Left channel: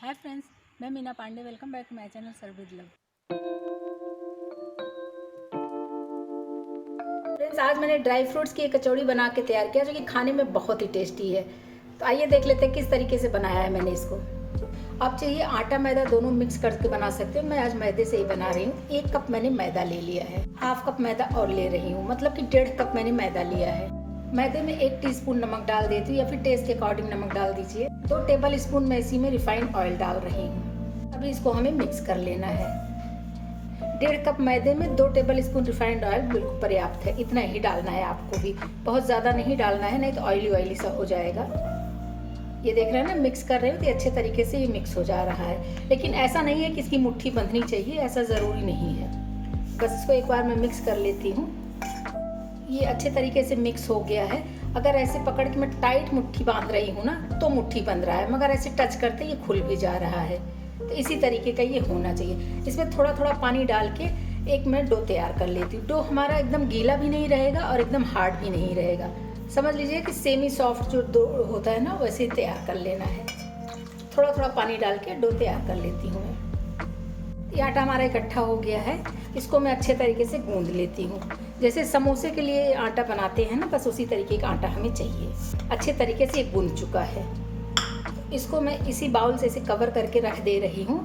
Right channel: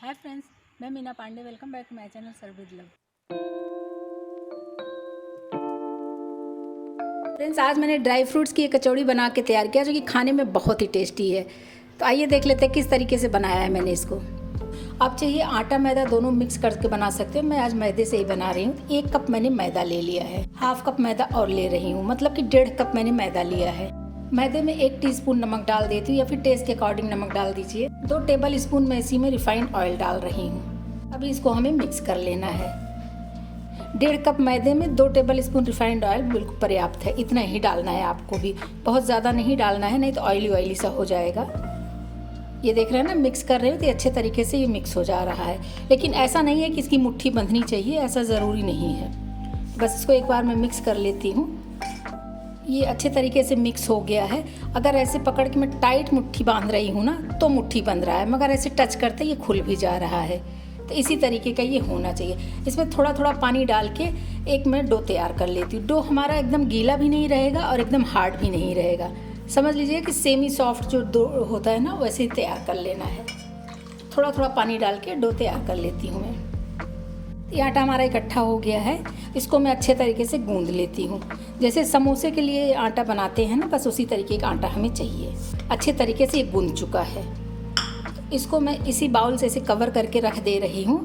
हाय friends, मैं Meena Pandey. Welcome back to my channel serve with love. Friends, आज मैंने dry fruits की एक कचौड़ी बना के तैयार किया जो कि खाने में बहुत ही टेस्टी है। तो आइए देख लेते हैं किस तरीके से बनाया है मैंने इसको। आप चाहिए आटा मैदा दोनों मिक्स करके बना सकते हो। मैं आज मैदे से ही बना रही हूँ। 1 कप मैंने मैदा ले लिया है, हाफ कप मैदा और ले रही हूँ, मतलब कि 1.5 कप मैंने मैदा लिया है। मैदे में 1 टीस्पून नमक डाल देती हूँ या फिर टेस्ट के अकॉर्डिंग नमक डाल दीजिए। 2 टेबल स्पून मैं इसी में रिफाइंड ऑयल डाल रही हूँ। अभी इसको हमें मिक्स कर लेना है। 1.5 कप मैदे में 2 टेबल स्पून रिफाइंड ऑयल बिल्कुल पर्याप्त है। इतना ही डालना है आपको भी, बहुत ज़्यादा नहीं डालना है, नहीं तो ऑयली ऑयली सा हो जाएगा। ये देख रहे हैं ना, मिक्स कर रहे हो तो अच्छे तरीके से ये मिक्स हो जा रहा है। लेकिन ऐसा नहीं है कि इसकी मुट्ठी बंधनी चाहिए, ऐसा ज़रूरी नहीं है। बस इसको एक बार मैं मिक्स कर लेती हूँ। ये अच्छे तरीके से मिक्स हो गया है। अगर ऐसे पकड़ के मैं टाइट मुट्ठी बांध रही हूँ ना तो मुट्ठी बंध रहा है, मगर ऐसे टच करते ये खुल भी जा रहा है। तो इसी तरीके का ये होना चाहिए। इसमें थोड़ा थोड़ा पानी डाल के एक मैं डो तैयार कर लेती हूँ। डो हमारा एकदम गीला भी नहीं रहेगा और एकदम हार्ड भी नहीं रहेगा। समझ लीजिए कि सेमी सॉफ्ट जो डो होता है ना, वैसे ही तैयार कर लेना है। थोड़ा थोड़ा पानी डाल के डो तैयार कर लेती हूँ मैं। ये आटा हमारा इकट्ठा हो गया है। इसको मैं अच्छे तरीके से गूंद लेती हूँ। जैसे समोसे के लिए आटा बनाते हैं ना, बस उसी तरीके का आटा हमें चाहिए। अच्छे तरीके से ये गूंद चुका है। इसको मैं इसी बाउल से इसे कवर करके रख दे रही हूँ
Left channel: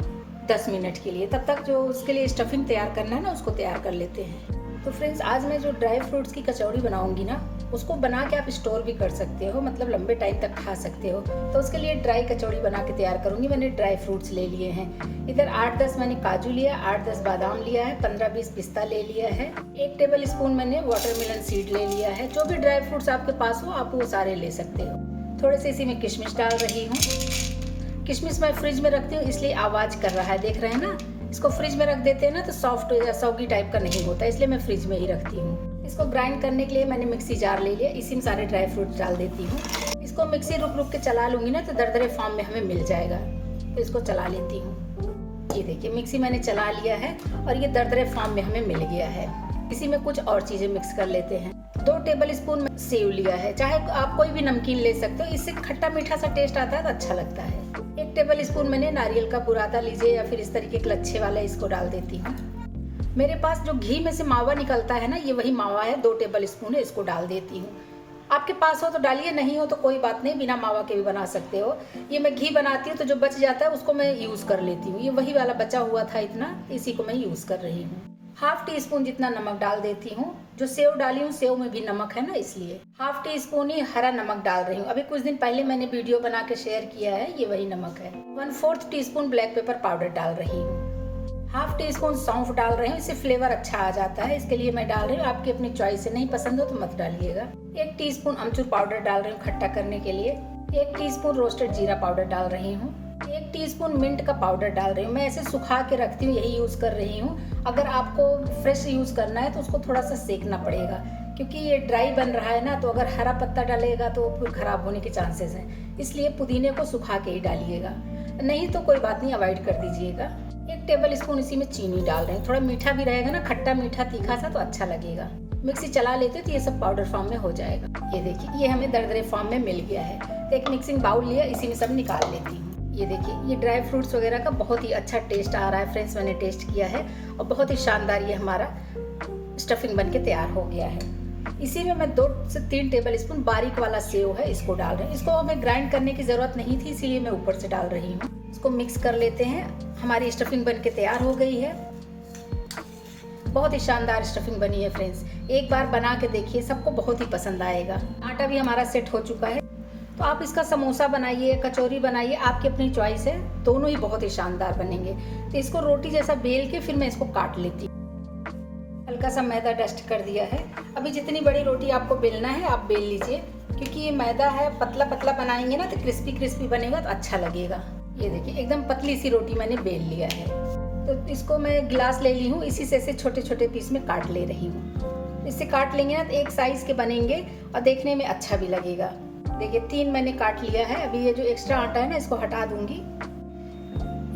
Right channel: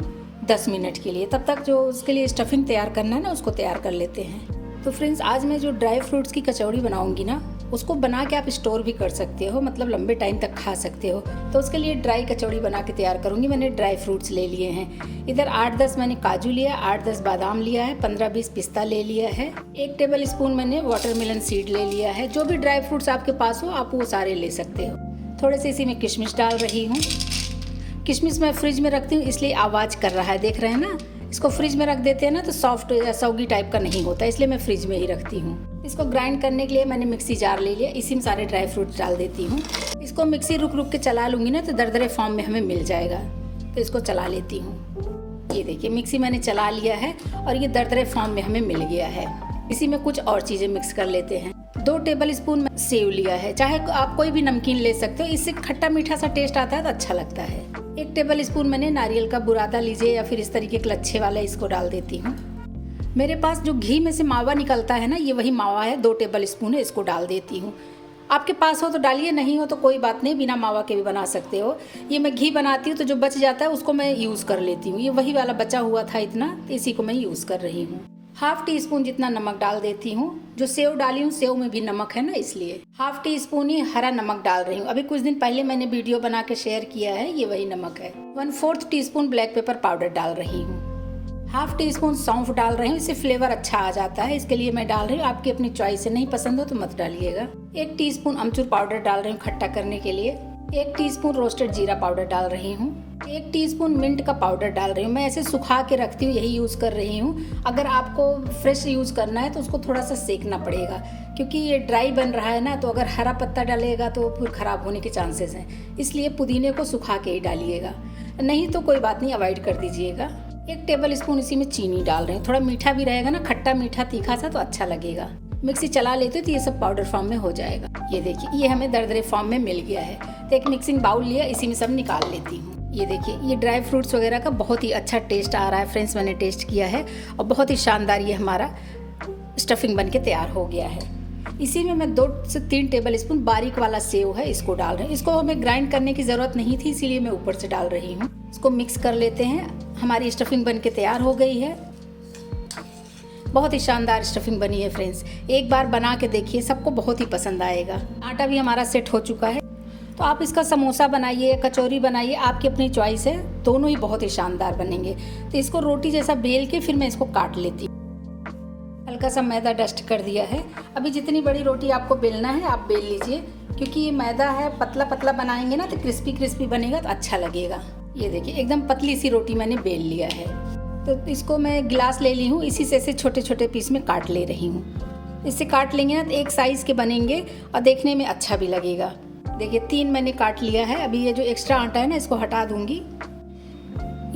10 मिनट के लिए। तब तक जो उसके लिए स्टफिंग तैयार करना है ना, उसको तैयार कर लेते हैं। तो फ्रेंड्स, आज मैं जो ड्राई फ्रूट्स की कचौड़ी बनाऊंगी ना, उसको बना के आप स्टोर भी कर सकते हो, मतलब लंबे टाइम तक खा सकते हो। तो उसके लिए ड्राई कचौड़ी बना के तैयार करूंगी। मैंने ड्राई फ्रूट्स ले लिए हैं। इधर 8-10 मैंने काजू लिया, 8-10 बादाम लिया है, 15-20 पिस्ता ले लिया है, 1 टेबल स्पून मैंने वाटरमेलन सीड ले लिया है। जो भी ड्राई फ्रूट्स आपके पास हो आप वो सारे ले सकते हो। थोड़े से इसी में किशमिश डाल रही हूँ। किशमिश मैं फ्रिज में रखती हूँ, इसलिए आवाज़ कर रहा है, देख रहे हैं ना। इसको फ्रिज में रख देते हैं ना तो सॉफ्ट या सौगी टाइप का नहीं होता, इसलिए मैं फ्रिज में ही रखती हूँ। इसको ग्राइंड करने के लिए मैंने मिक्सी जार ले लिया, इसी में सारे ड्राई फ्रूट्स डाल देती हूँ। इसको मिक्सी रुक रुक के चला लूँगी ना तो दरदरे फॉर्म में हमें मिल जाएगा। तो इसको चला लेती हूँ। ये देखिए, मिक्सी मैंने चला लिया है और ये दरदरे फॉर्म में हमें मिल गया है। इसी में कुछ और चीज़ें मिक्स कर लेते हैं। 2 टेबल स्पून सेव लिया है, चाहे आप कोई भी नमकीन ले सकते हो, इससे खट्टा मीठा सा टेस्ट आता है तो अच्छा लगता है। 1 टेबल स्पून मैंने नारियल का बुरादा लीजिए या फिर इस तरीके के लच्छे वाला, इसको डाल देती हूँ। मेरे पास जो घी में से मावा निकलता है ना, ये वही मावा है, 2 टेबल स्पून है, इसको डाल देती हूँ। आपके पास हो तो डालिए, नहीं हो तो कोई बात नहीं, बिना मावा के भी बना सकते हो। ये मैं घी बनाती हूँ तो जो बच जाता है उसको मैं यूज़ कर लेती हूँ। ये वही वाला बचा हुआ था इतना, तो इसी को मैं यूज़ कर रही हूँ। 1/2 टीस्पून जितना नमक डाल देती हूँ। जो सेव डाली हूँ, सेव में भी नमक है ना, इसलिए 1/2 टीस्पून ही हरा नमक डाल रही हूँ। अभी कुछ दिन पहले मैंने वीडियो बना के शेयर किया है, ये वही नमक है। 1/4 टीस्पून ब्लैक पेपर पाउडर डाल रही हूँ। 1/2 टीस्पून सौंफ डाल रही हूँ, इससे फ्लेवर अच्छा आ जाता है, इसके लिए मैं डाल रही हूँ। आपकी अपनी चॉइस है, नहीं पसंद हो तो मत डालिएगा। 1 टीस्पून अमचूर पाउडर डाल रही हूँ खट्टा करने के लिए। 1 टीस्पून रोस्टेड जीरा पाउडर डाल रही हूँ। 1 टीस्पून मिंट का पाउडर डाल रही हूँ। मैं ऐसे सुखा के रखती हूँ, यही यूज़ कर रही हूँ। अगर आपको फ्रेश यूज़ करना है तो उसको थोड़ा सा सेकना पड़ेगा, क्योंकि ये ड्राई बन रहा है ना, तो अगर हरा पत्ता डालेगा तो फिर ख़राब होने के चांसेस हैं। इसलिए पुदीने को सुखा के ही डालिएगा, नहीं तो कोई बात नहीं, अवॉइड कर दीजिएगा। 1 टेबल स्पून इसी में चीनी डाल रही हूँ। थोड़ा मीठा भी रहेगा ना, खट्टा मीठा तीखा सा, तो अच्छा लगेगा। मिक्सी चला लेते तो ये सब पाउडर फॉर्म में हो जाएगा। ये देखिए, ये हमें दरदरे फॉर्म में मिल गया है। तो एक मिक्सिंग बाउल लिया, इसी में सब निकाल लेती हूँ। ये देखिए, ये ड्राई फ्रूट्स वगैरह का बहुत ही अच्छा टेस्ट आ रहा है फ्रेंड्स। मैंने टेस्ट किया है और बहुत ही शानदार ये हमारा स्टफिंग बन के तैयार हो गया है। इसी में मैं 2 से 3 टेबल स्पून बारीक वाला सेव है, इसको डाल रही हूँ। इसको हमें ग्राइंड करने की ज़रूरत नहीं थी, इसीलिए मैं ऊपर से डाल रही हूँ। इसको मिक्स कर लेते हैं। हमारी स्टफिंग बन के तैयार हो गई है। बहुत ही शानदार स्टफिंग बनी है फ्रेंड्स। एक बार बना के देखिए, सबको बहुत ही पसंद आएगा। आटा भी हमारा सेट हो चुका है। तो आप इसका समोसा बनाइए, कचौरी बनाइए, आपकी अपनी चॉइस है, दोनों ही बहुत ही शानदार बनेंगे। तो इसको रोटी जैसा बेल के फिर मैं इसको काट लेती हूँ। हल्का सा मैदा डस्ट कर दिया है। अभी जितनी बड़ी रोटी आपको बेलना है आप बेल लीजिए, क्योंकि ये मैदा है, पतला पतला बनाएंगे ना तो क्रिस्पी क्रिस्पी बनेगा तो अच्छा लगेगा। ये देखिए, एकदम पतली सी रोटी मैंने बेल लिया है। तो इसको मैं गिलास ले ली हूँ, इसी से ऐसे छोटे छोटे पीस में काट ले रही हूँ। इससे काट लेंगे ना तो एक साइज़ के बनेंगे और देखने में अच्छा भी लगेगा। देखिए, 3 मैंने काट लिया है। अभी ये जो एक्स्ट्रा आटा है ना, इसको हटा दूंगी।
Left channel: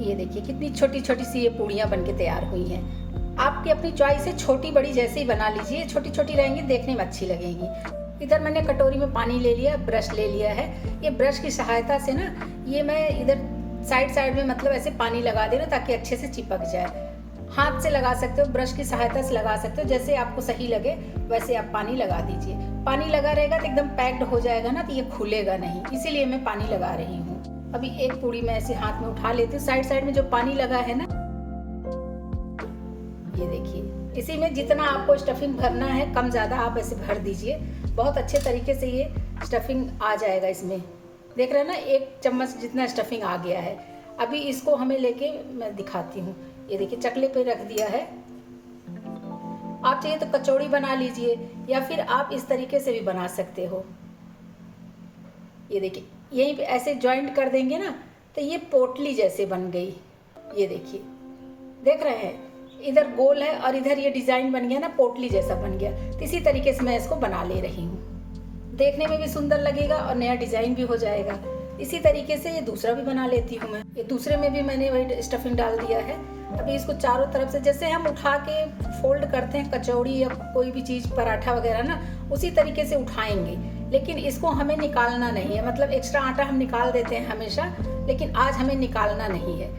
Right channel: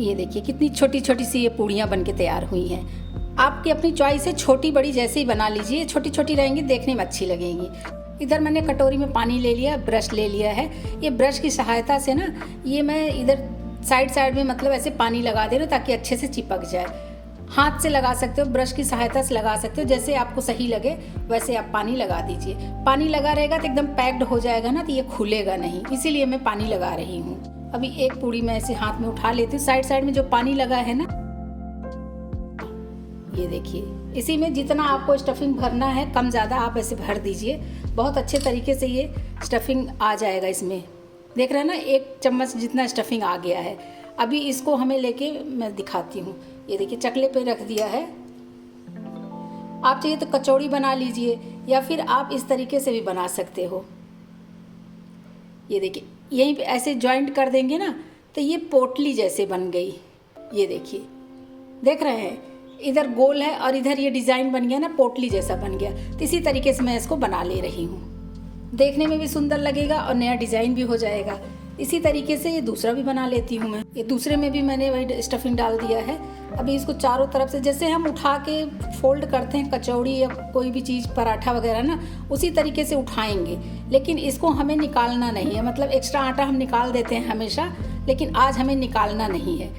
ये देखिए, कितनी छोटी छोटी सी ये पूड़ियाँ बन के तैयार हुई हैं। आपकी अपनी चॉइस है, छोटी बड़ी जैसे ही बना लीजिए। छोटी छोटी रहेंगी, देखने में अच्छी लगेंगी। इधर मैंने कटोरी में पानी ले लिया, ब्रश ले लिया है। ये ब्रश की सहायता से ना, ये मैं इधर साइड साइड में मतलब ऐसे पानी लगा दे रहे हो ताकि अच्छे से चिपक जाए। हाथ से लगा सकते हो, ब्रश की सहायता से लगा सकते हो, जैसे आपको सही लगे वैसे आप पानी लगा दीजिए। पानी लगा रहेगा तो एकदम पैक्ड हो जाएगा ना, तो ये खुलेगा नहीं, इसीलिए मैं पानी लगा रही हूँ। अभी एक पूड़ी मैं ऐसे हाथ में उठा लेती हूँ, साइड साइड में जो पानी लगा है ना, ये देखिए। इसी में जितना आपको स्टफिंग भरना है कम ज़्यादा आप ऐसे भर दीजिए, बहुत अच्छे तरीके से ये स्टफिंग आ जाएगा इसमें। देख रहे हैं ना, 1 चम्मच जितना स्टफिंग आ गया है। अभी इसको हमें लेके मैं दिखाती हूँ। ये देखिए चकले पे रख दिया है। आप चाहिए तो कचौड़ी बना लीजिए या फिर आप इस तरीके से भी बना सकते हो। ये देखिए यहीं पे ऐसे जॉइंट कर देंगे ना तो ये पोटली जैसे बन गई। ये देखिए, देख रहे हैं, इधर गोल है और इधर ये डिज़ाइन बन गया ना, पोटली जैसा बन गया। तो इसी तरीके से मैं इसको बना ले रही हूँ, देखने में भी सुंदर लगेगा और नया डिज़ाइन भी हो जाएगा। इसी तरीके से ये दूसरा भी बना लेती हूँ मैं। ये दूसरे में भी मैंने वही स्टफिंग डाल दिया है। अभी इसको चारों तरफ से जैसे हम उठा के फोल्ड करते हैं कचौड़ी या कोई भी चीज़, पराठा वगैरह ना, उसी तरीके से उठाएंगे। लेकिन इसको हमें निकालना नहीं है, मतलब एक्स्ट्रा आटा हम निकाल देते हैं हमेशा, लेकिन आज हमें निकालना नहीं है।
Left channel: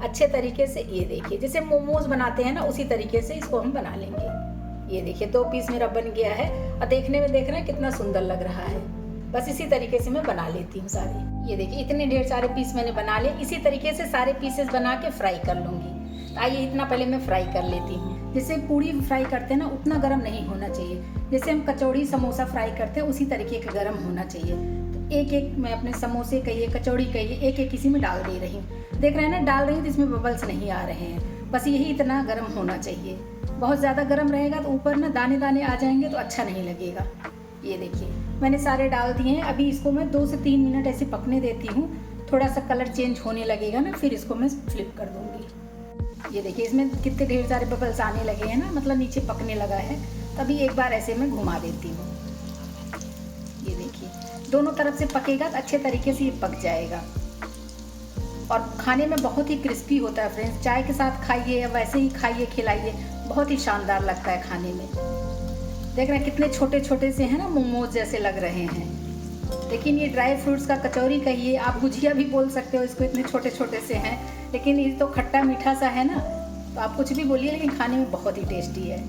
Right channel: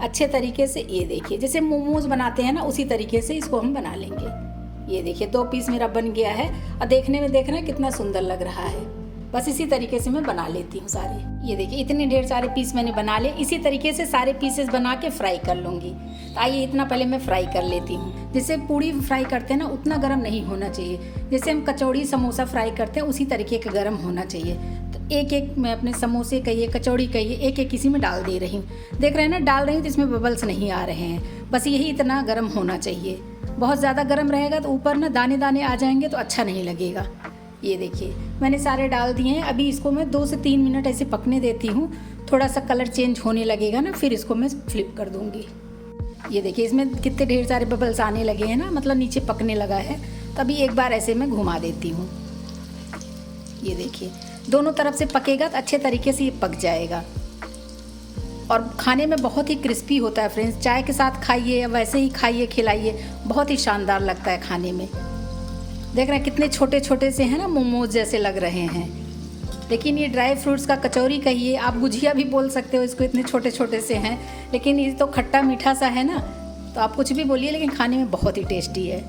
अच्छे तरीके से ये देखिए, जैसे मोमोज बनाते हैं ना, उसी तरीके से इसको हम बना लेंगे। ये देखिए 2 पीस मेरा बन गया है और देखने में देख रहे हैं कितना सुंदर लग रहा है। बस इसी तरीके से मैं बना लेती हूँ सारे। ये देखिए इतने ढेर सारे पीस मैंने बना लिए। इसी तरीके से सारे पीसेस बना के फ्राई कर लूँगी। आइए इतना पहले मैं फ्राई कर लेती हूँ। जैसे पूड़ी फ्राई करते हैं ना, उतना गर्म नहीं होना चाहिए। जैसे हम कचौड़ी समोसा फ्राई करते हैं उसी तरीके का गर्म होना चाहिए। तो एक एक मैं अपने समोसे कहिए, कचौड़ी कहिए, एक एक इसी में डाल दे रही हूँ। देख रहे हैं ना, डाल रही हूँ तो इसमें बबल्स नहीं आ रहे हैं। बस यही इतना गर्म होना चाहिए। बहुत ज़्यादा गर्म रहेगा तो ऊपर ना दाने दाने आ जाएंगे तो अच्छा नहीं लगेगा। ये देखिए मैंने सारे डाल दिए हैं। अभी इसको मैं 2 से 3 मिनट ऐसे पकने देती हूँ। थोड़ा सा कलर चेंज होने लगेगा ना, फिर इसको मैं फ्लिप कर दूँगी। ये देखिए इसमें कितने ढेर सारे बबल्स आने लगे हैं ना, मतलब नीचे पकने लगा है। तभी एक बार ऐसे मैं घुमा देती हूँ। ये देखिए दोनों तरफ से पकेगा तो अच्छे तरीके से ये पक जाएगा और खाने में बहुत ही क्रिस्पी होता है फ्रेंड्स। चाय के साथ खाइए या वैसे ही खाइए, खिलाइए, बहुत ही शानदार लगता है खाने में। देख रहे हैं कितने छोटे छोटे से हैं ना, मोमोज जैसे लग रहे हैं। लेकिन ये ड्राई फ्रूट्स का कचौरी कहिए, आप गुजिया भी बोल सकते हो इसको, इतने छोटे छोटे से हैं। लेकिन ये तो खट्टा मीठा सा है ना, तो आप कुछ भी बोलिए, लेकिन खाने में बहुत ही टेस्टी है।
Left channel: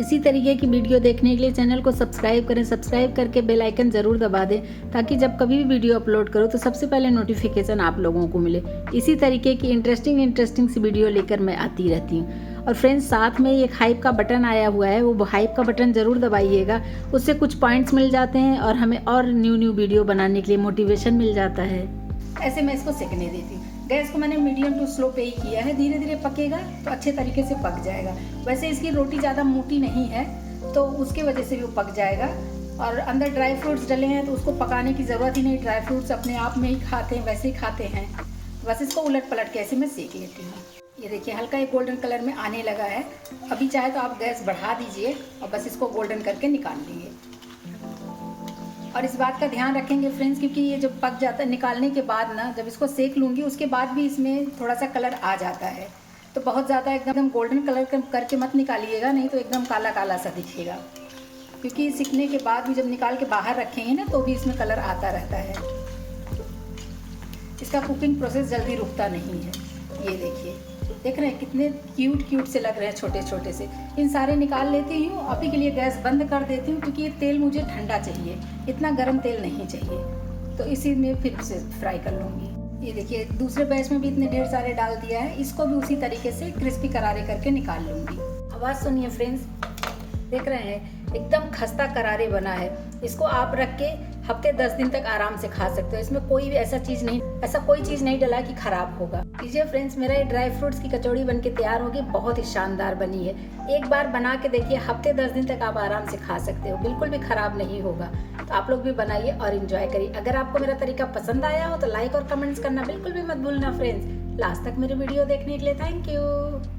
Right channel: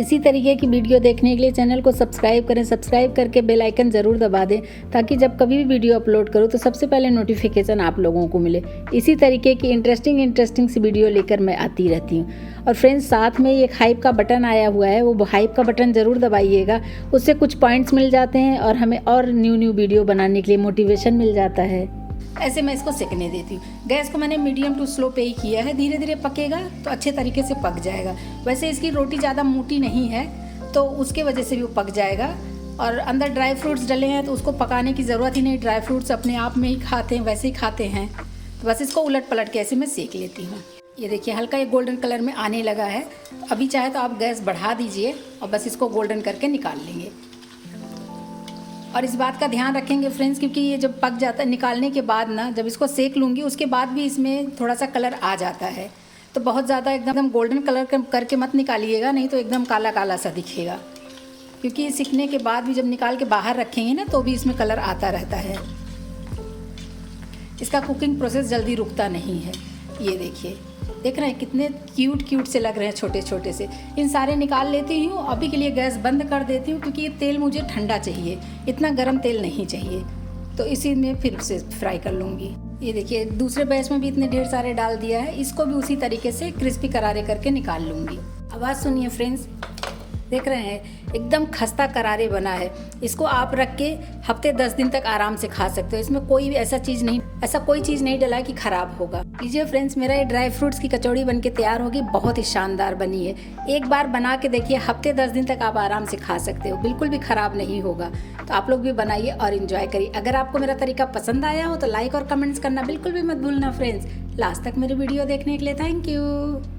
इसी तरीके की वीडियो देखने के लिए चैनल को सब्सक्राइब करें। सब्सक्राइब करके बेल आइकन ज़रूर दबा दें ताकि जब कभी भी वीडियो अपलोड करो तो सबसे पहले नोटिफिकेशन आप लोगों को मिले। इसी तरीके की इंटरेस्टिंग सी वीडियो लेकर मैं आती रहती हूँ। और फ्रेंड्स साथ में एक हाइप का बटन आया हुआ है, वो हाइप का बटन ज़रूर दबाइएगा। उससे कुछ पॉइंट्स मिल जाते हैं और हमें और न्यू वीडियो बनाने के लिए मोटिवेशन मिल जाता है। ऐसे मैं इसको सेकने देती हूँ। गैस को मैंने मीडियम टू स्लो पे ही किया है। धीरे धीरे पकेगा तो अच्छे तरीके से पक जाएगा। वैसे इसकी रोटी ज़्यादा मोटी नहीं है तो उसके वजह से भी वो पक जाएगा। और अंदर ड्राई फ्रूट्स डले हैं तो उसको पकाने की ज़रूरत ही नहीं, ड्राई फ्रूट्स अपने आप में ही खाते हैं, वैसे ही खाते हैं। तो बस इसको उलट पलट के ऐसे मैं सेक लेती हूँ। ये देखिए हल्का एक गोल्डन कलर में आने लगा है। अभी चाहे तो आप गैस बढ़ा दीजिए और बस इसको गोल्डन करके निकाल लेंगे। और इस बात का ध्यान रखेंगे फ्रेंड्स, क्योंकि ये जब पक जाता है निकालने के बाद ना, जब इसको सेक लूँगी उसके बाद भी इसमें थोड़ा सा कलर आ जाता है। तो बहुत ज़्यादा एकदम गोल्डन कलर करके मत निकालिएगा, नहीं तो एकदम काला काला सा दिखेगा। क्योंकि सीखने के बाद भी जब निकाल के बाहर रखेंगे ना तो भी इसमें कलर आता रहता है। इसका कुकिंग प्रोसेस जल्दी रुकता नहीं है। ये देखिए, देख रहे हैं कितने क्यूट से लग रहे हैं, छोटे छोटे से। इन सारे निकाल लेती हूँ। अभी के लिए गैस बंद कर देती हूँ क्योंकि ये तेल मुझे ठंडा चाहिए, इतना गर्म तेल नहीं चाहिए। तो इसी में फिर से फ्राई कर लूँगी। ये देखिए दूसरे बैच में भी इतने ढेर सारे डाल दिया है। इसको भी उसी तरीके से क्रिस्पी करारे करके निकाल लूँगी। आवाज़ सुनिए फ्रेंड्स, देख रहे हैं एकदम खस्ता करारे बना है। इसको आप रख के हफ्ते 10 दिन तक आराम से खा सकते हो। इसमें कोई भी ऐसा कोई चीज़ नहीं डला कि खराब होगा। लीजिए फ्रेंड्स, मेरा ये ड्राई फ्रूट्स की कचौड़ी बनके तैयार होगी। बहुत ही शानदार बनी है। एक बार बना के देखिए, हफ्ते 10 दिन तक आप आराम से खा सकते हो, बिल्कुल भी खराब नहीं होगा। तो आप लोग भी बनाइए और इन्जॉय करिए। अगर आपको मेरा तरीका पसंद आया हो तो लाइक और कमेंट्स करना बिल्कुल भी मत भूलना फ्रेंड्स। लास्ट तक मेरे वीडियो देखने के लिए थैंक यू।